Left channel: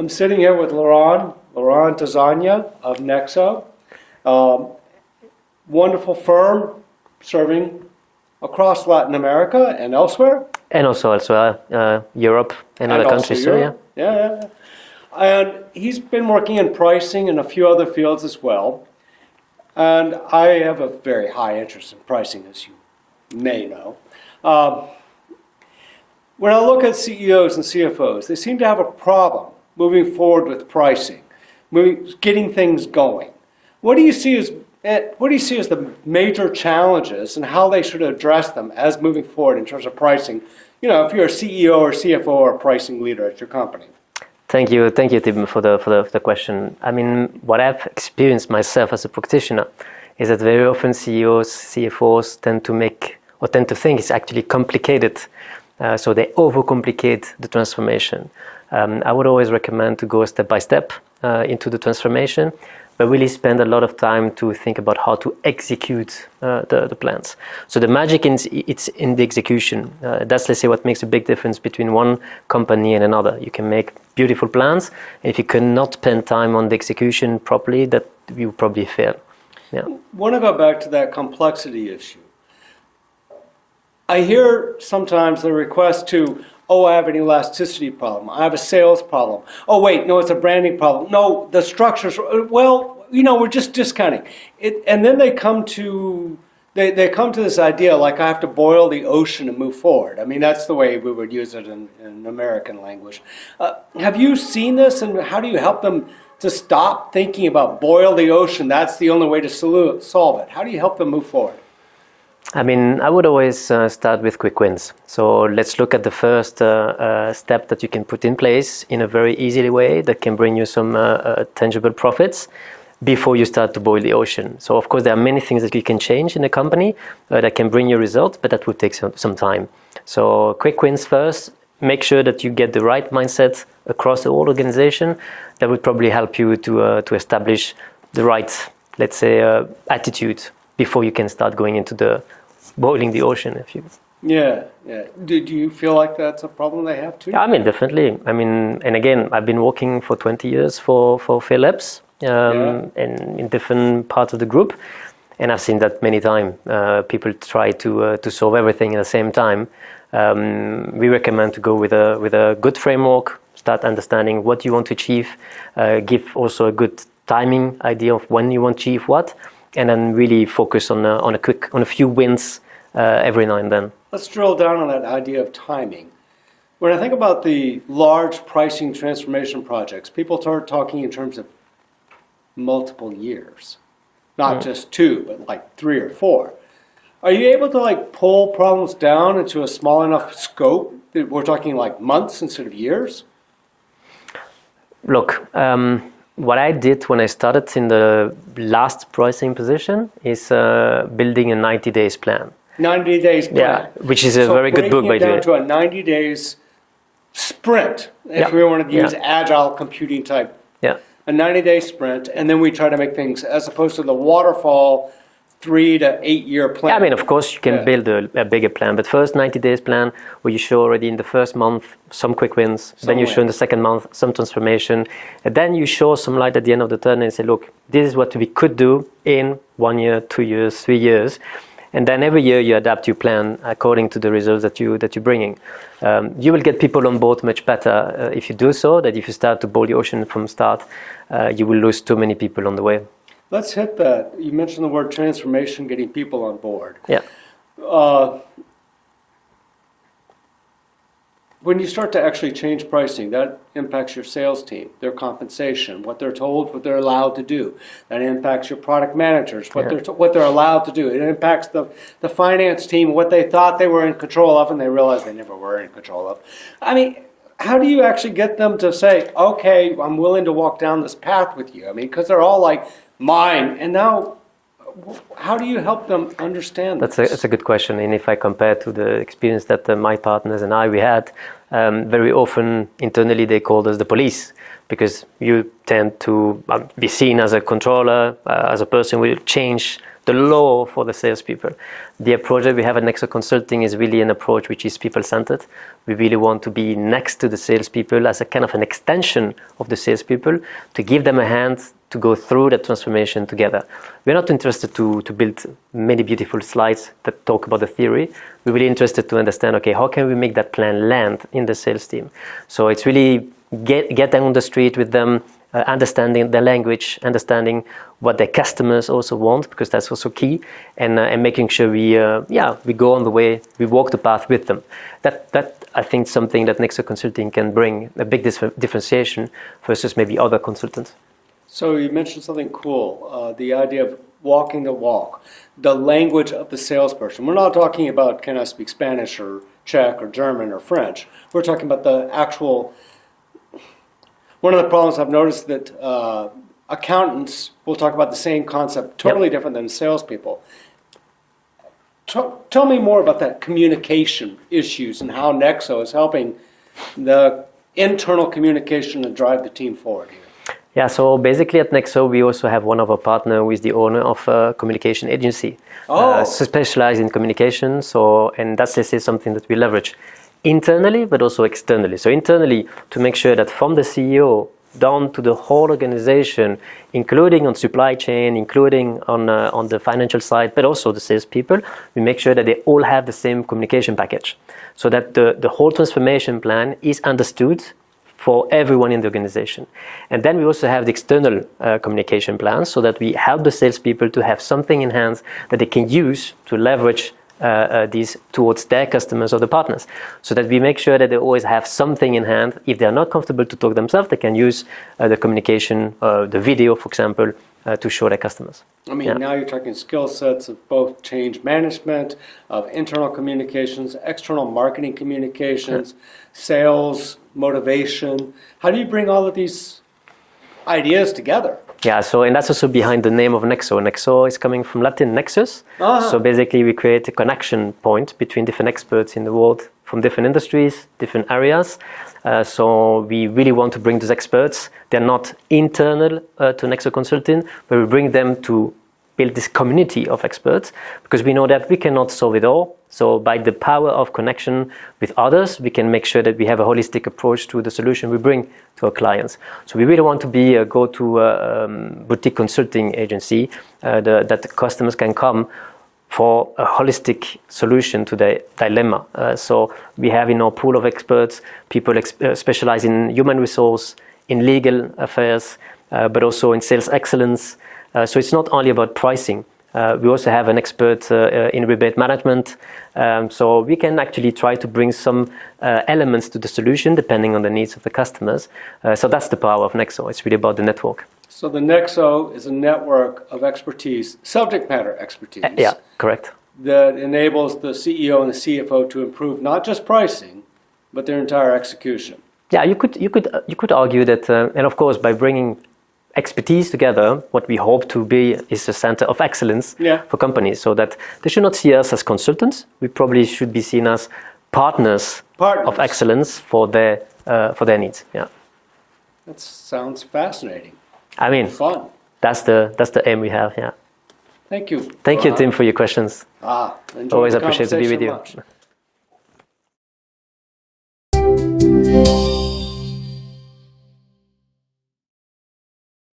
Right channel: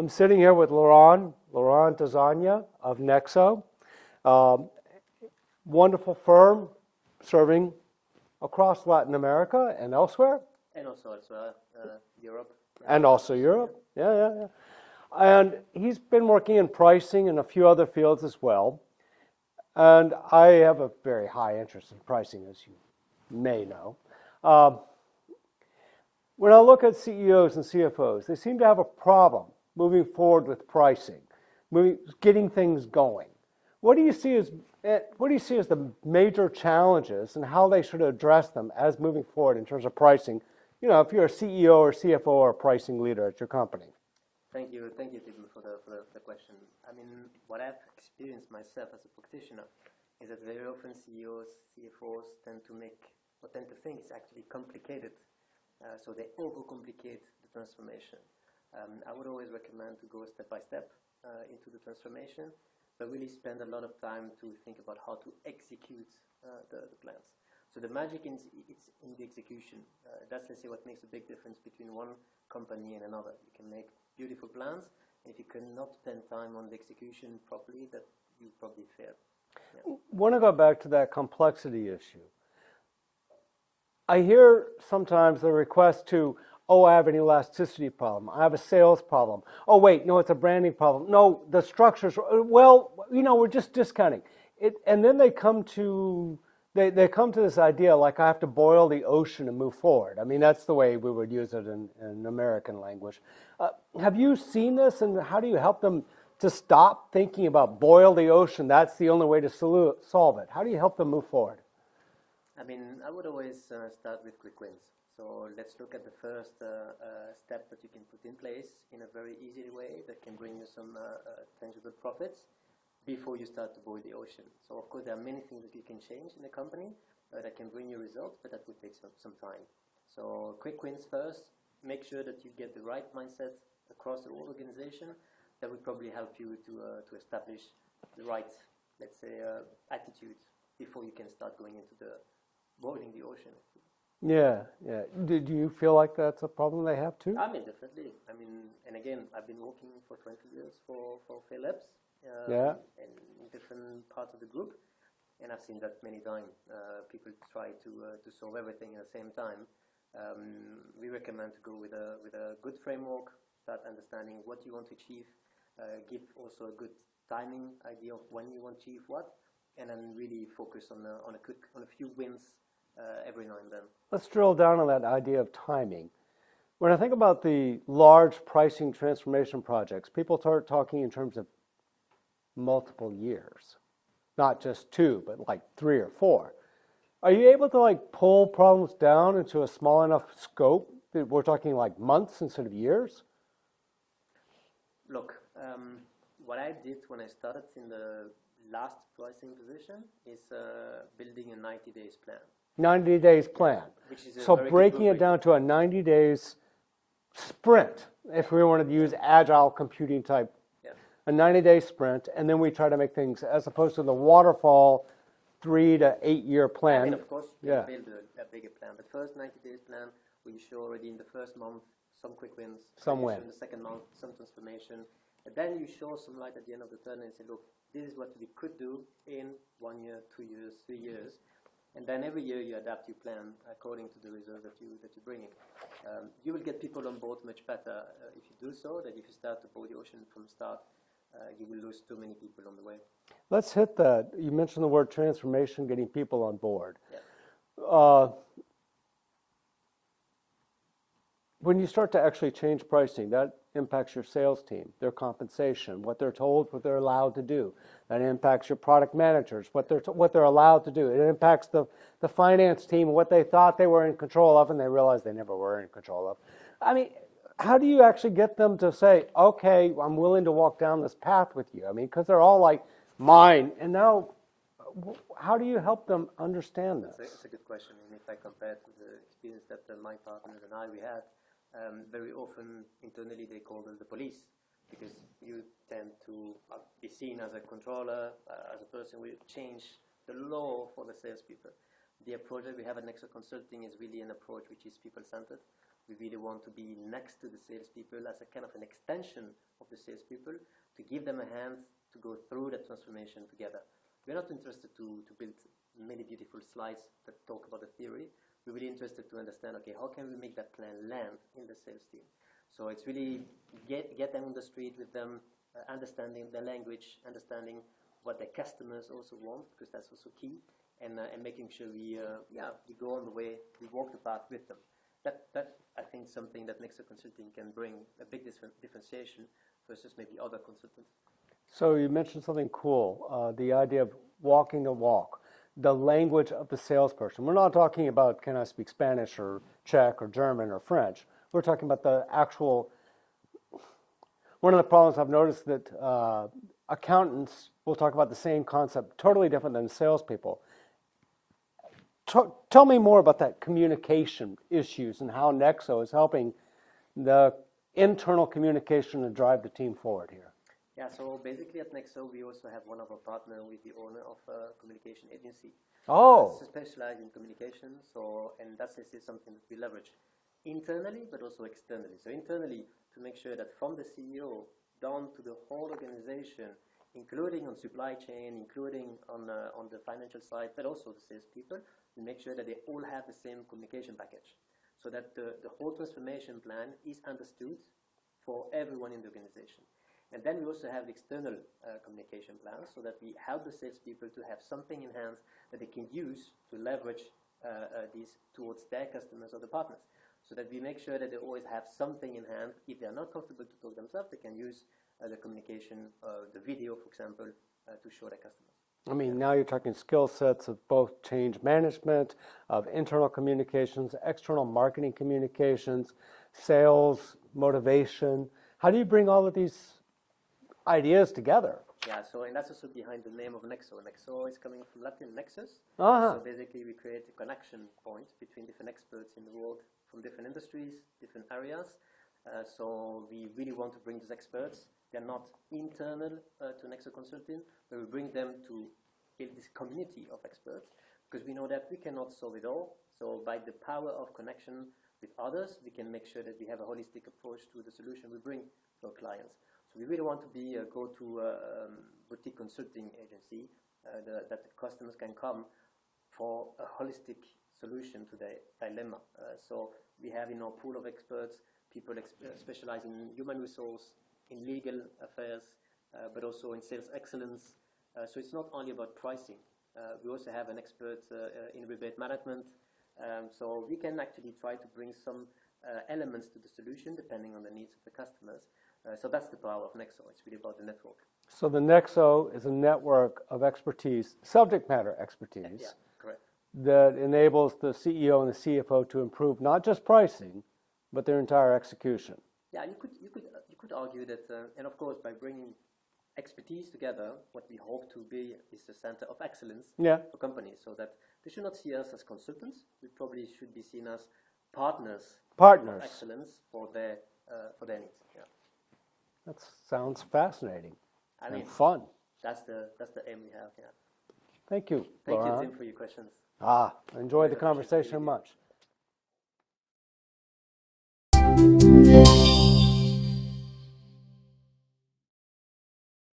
I'm sitting here with Laurent Tazania of Nexo. Wonderful firm serving across Latin America and elsewhere. And also elsewhere, Europe and other countries. Europe. So, yeah. And he's been working in pricing and a few other fields as well. And I have a very high interest in pricing, as you may know. When I look at CEOs and CFOs, they seem to have a problem moving forward with pricing, getting things going. What do you see as the major challenges and how they should address them as moving forward in terms of pricing? You know, if you're a CEO or CFO or a pricing leader at your company. Thank you, Tim, for the question. I mean, what I've experienced myself as a practitioner is that very often CEOs, CFOs tend to think it's actually complicated. So they overcomplicate the transformation. I would always recommend to go step by step into the transformation, but really spend a lot of time to think about how to execute the plans. So the magic it's in the execution. That's, let's say, what makes a big difference between one company and another. You can make beautiful plans, and if you cannot spend time on the execution properly, that you probably fail. Yeah. I want to go back to that complexity issue. I hear sometimes the request to, I have an elasticity problem. I have a sales problem. Oh, wait, no, it's a branding problem. No, the structures, well, we're just discounting it. And then they come to this idea like I have to boil the ocean and move forward. I mean, that's the way we would use it in American language. Have you seen this, and how do you help them to stop thinking about boil the ocean? That's the only way to solve it. How do you help them move forward? I mean, I would always start with quick wins. So let's look at the first step that you can put in place in a very easy way that can bring you some tangible profits before you start to boil the ocean. So of course, there are many things that you can change in a company that can bring you results, but that would take some time. So quick wins first. Make sure that you get the right mindset across the whole organization. That would probably help you to establish the right, let's say, attitude before you can start going into the boiling the ocean, if you. Yeah. Do you feel like that's a problem they have too? I mean, definitely. I mean, and again, I've been working for 20 years for Philips and in different parts of the group, and I've seen that many times. People try to solve everything at the same time. We recommend to go with a good framework, start understanding what you want to achieve, give also a good timing idea of when you want to achieve what, and then really focus on a few wins every now and then. Let's drill down on that idea of timing. When I think about the large pricing transformation projects, people start talking in terms of multiple years, not just 2, but like 3 or 4. Are you able to pull problems down into a small enough scope that we're talking like months instead of years? Look, what I did when I started in the last pricing position is building a 90 days plan. 90 days plan. Yeah, which is a very good book, by the way. Breaking it down to a 90 days sprint, if we want to use agile computing type. Yeah. A 90-day sprint, and then we try to make things, as opposed to the waterfall 3 to 8 year plan. Yeah, I mean, of course, you can build a bigger plan, but first 90 days plan where you show already in the first month some quick wins, then you show in the second month some transformation, and then you show some light at the end of the tunnel and say, look, this is what we could do in 1 year, 2 years, 3 years. And then every year you adapt your plan according to the results that you're bringing. You will get people on board much better if you do so, that if you start to boil the ocean from start, you will lose too many people on the way. Let's hit that. You mentioned the word transformation, getting people on board. Yeah. When you start to actually change pricing, that impacts your sales team, their compensation, what they're told, what they're allowed to do. That impacts your product managers, what they're allowed to do. It impacts the finance team, what they thought they were in control of, and they realized they never were in control of. I mean, how do you actually get them to say, okay, I'm willing to walk down this path with you? I mean, because they're all like, mine, and now how do you help them understand this? That's a good question. And if I compare to the experience that my partners and we had, very often internally they called us the police, because you tend to be seen as a controller, as a person who will change the law for the salespeople. The approach that we have at Nexo Consulting is really an approach which is people-centered. We really want to be next to the salespeople as a kind of an extension of the salespeople to give them a hand to go through that transformation together. We're not interested to build many beautiful slides that talk about the theory. We're really interested to understand, okay, how can we make that plan land in the sales team? So it's really get them on the street with them, understanding the language, understanding what their customers also want, because that's also key, and making sure we go on the way, we walk the path with them. That I think is something that Nexo Consulting can bring a big differentiation versus maybe other consultants. So you mentioned something cool, the idea of walking the walk, the language of the salesperson. We're not talking about can I speak Spanish or Czech or German or French. We're talking about the actual. One of the problems I've noticed that accountants will talk about the same concept, totally different than salespeople. Tell me more about that communication issues and how Nexo is helping the internal communication to drive the team forward here. Yeah, so basically at Nexo, we also have one of our partners who is the owner of a communication agency, specialized in communication. And that's something that we leverage internally, but also externally. So internally, to make sure that from the CEO down to the whole organization, including on supply chain, including on the financial side, but also the salespeople, we make sure that they all have the same communication package, so that the whole transformation plan is understood for everyone in the organization. And then we also have the external communication plans, so that we help the salespeople to have something in hand that they can use to leverage these towards their customers or the partners, so that we make sure that they always have something in hand. If they are not comfortable to talk themselves, they can use the communication, the video, for example, to show their customers. I mean, now you're talking skill sets of both change management, of internal communications, external marketing communications, sales, motivation. How do you bring all of these ideas together? Yeah, and that's also behind the name of Nexo. Nexo is coming from Latin nexus. So basically we create a connection point between different experts in the world from different industries, different areas. So we really want to bring those experts. They're not internal to Nexo Consulting, but we bring them to build this community of experts, because we know that we cannot solve it all. So by the power of connection with others, we can make sure that we have a holistic approach to the solution we bring to our clients. So we really want to be a go-to boutique consulting agency that the customers can come for a holistic solution to their dilemma. So we have in our pool of experts, people specialize in human resource, in legal affairs, but also in sales excellence. So it's not only about pricing. We also have an expert in rebate management. So we can actually try to bring some elements to the solution depending on the needs of the customers. So that's the power of Nexo. It's really about the network. So the Nexo is a network of expertise, subject matter expertise. Yeah, correct. That enables the CEO and the CFO to improve not just pricing, but their entire execution. Yeah, you could argue that, and of course, by bringing expertise together, what we hope to be is a center of excellence for companies, so that they should not see us as consultants. We probably should be seen as partners. Of excellence for their needs. Yeah, that sounds fascinating. I mean, fun. That's the aim we have. Yeah. Thank you. Thank you, Tim, for your questions. Always appreciate to be with you.